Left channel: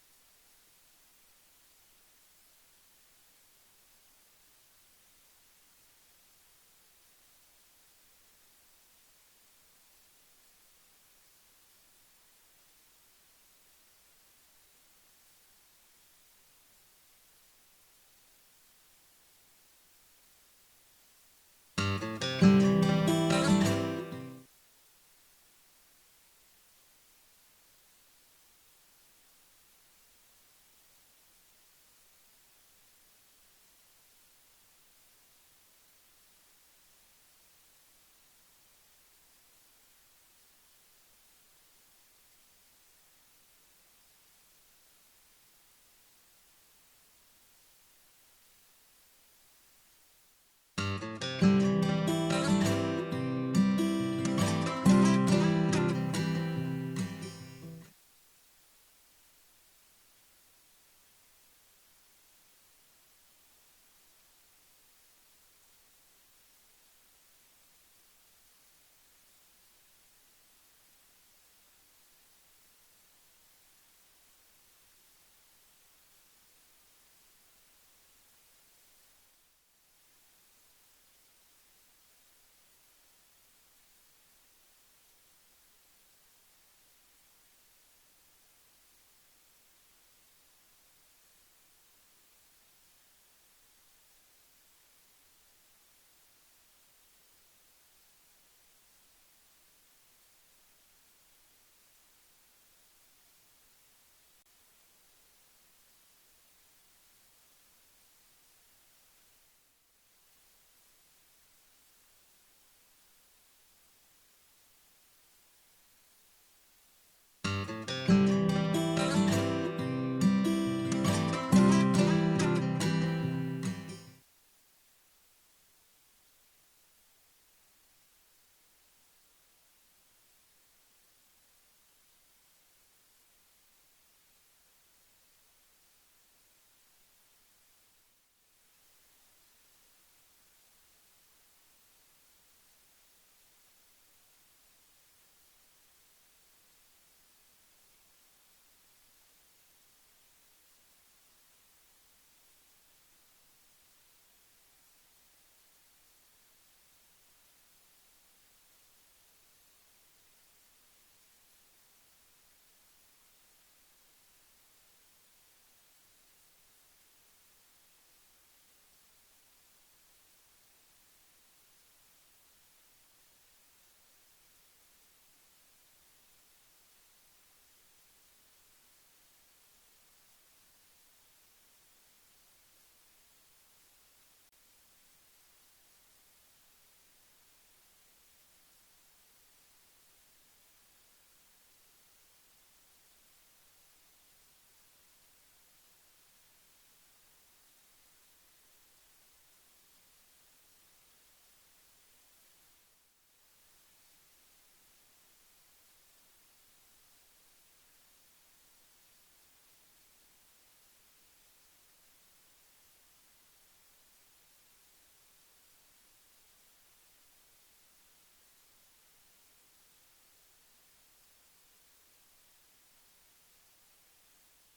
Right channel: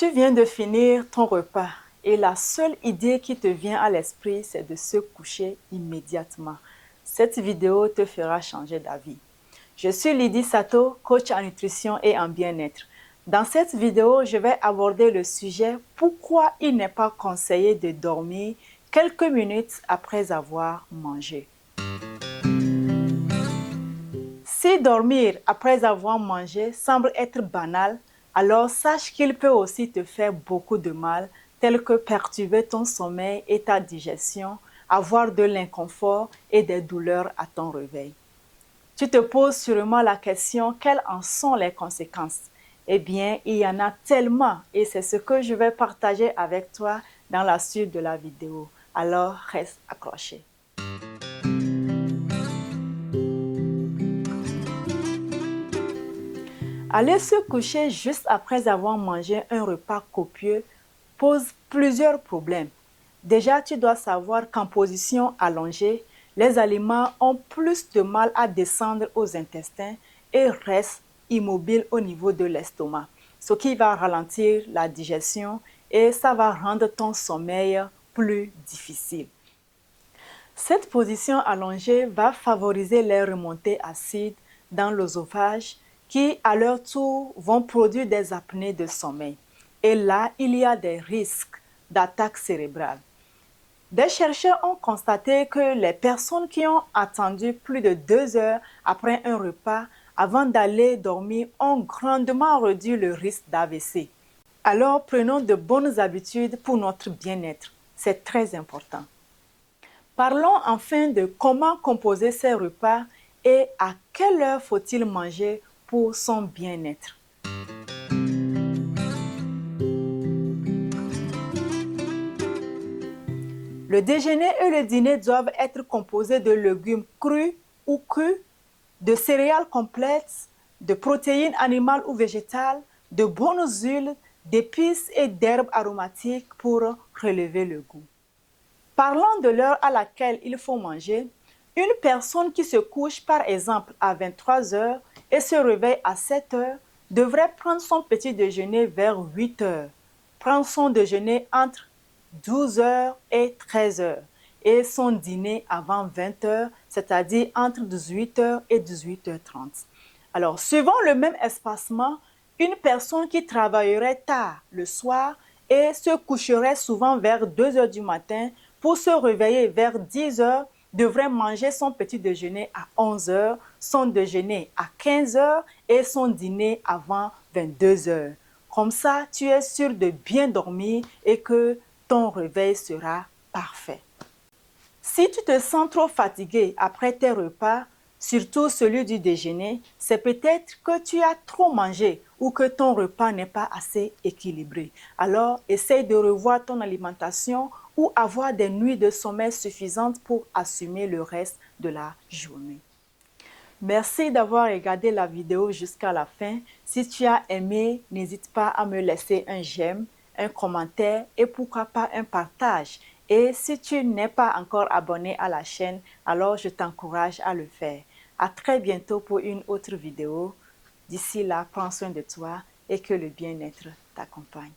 Tu viens de finir ton repas et la seule idée qui te vient à l'esprit, c'est de se coucher immédiatement. Cette vidéo te fera changer d'avis. Je suis Lydie Sato, coach en nutrition et en bien-être. Dans cette vidéo, je vais aborder le sujet pourquoi il n'est pas conseillé de dormir quelques minutes après avoir mangé. Si dormir après avoir mangé semble être banal, alors sache qu'il peut aussi te faire beaucoup de mal, tel que perturber ton sommeil et ta digestion, avoir de l'inconfort et des douleurs à ton réveil. Tu te poses sûrement la question, quelles en sont les conséquences? Eh bien, il y en a tellement et c'est ce que je vais partager avec toi dans la suite de la vidéo. Alors, reste accroché. Aller se coucher juste après avoir mangé un repas copieux pose plusieurs problèmes. Déjà, tu dois savoir qu'en position allongée, les aliments ont plus de mal à descendre aux intestins et restent immobiles au niveau de l'estomac, ce qui va ralentir la digestion et ça va rendre ton sommeil plus difficile. Cette position allongée va favoriser les remontées acides dans l'œsophage qui, à leur tour, vont produire des apnées de sommeil. Et là, il y a des risques d'attaque cérébrale. Des chercheurs ont constaté que les personnes qui ont attendu plus de 2 heures après un repas avant d'aller dormir ont grandement réduit le risque d'AVC. Alors, prenons de bonnes habitudes pour notre bien-être. C'est très important. Parlons enfin de comment composer ces repas et à quelle heure faut-il manger pour son bien-être. Le déjeuner et le dîner doivent être composés de légumes crus ou crus, de céréales complètes, de protéines animales ou végétales, de bonnes huiles, d'épices et d'herbes aromatiques pour relever le goût. Parlant de l'heure à laquelle il faut manger, une personne qui se couche par exemple à 23 heures et se réveille à 7 heures devrait prendre son petit déjeuner vers 8 heures, prendre son déjeuner entre 12 heures et 13 heures et son dîner avant 20 heures, c'est-à-dire entre 18 heures et 18h30. Alors, suivant le même espacement, une personne qui travaillerait tard le soir et se coucherait souvent vers 2 heures du matin pour se réveiller vers 10 heures devrait manger son petit déjeuner à 11 heures, son déjeuner à 15 heures et son dîner avant 22 heures. Comme ça, tu es sûr de bien dormir et que ton réveil sera parfait. Si tu te sens trop fatigué après tes repas, surtout celui du déjeuner, c'est peut-être que tu as trop mangé ou que ton repas n'est pas assez équilibré. Alors, essaye de revoir ton alimentation ou avoir des nuits de sommeil suffisantes pour assumer le reste de la journée. Merci d'avoir regardé la vidéo jusqu'à la fin. Si tu as aimé, n'hésite pas à me laisser un j'aime, un commentaire et pourquoi pas un partage. Et si tu n'es pas encore abonné à la chaîne, alors je t'encourage à le faire. À très bientôt pour une autre vidéo. D'ici là, prends soin de toi et que le bien-être t'accompagne.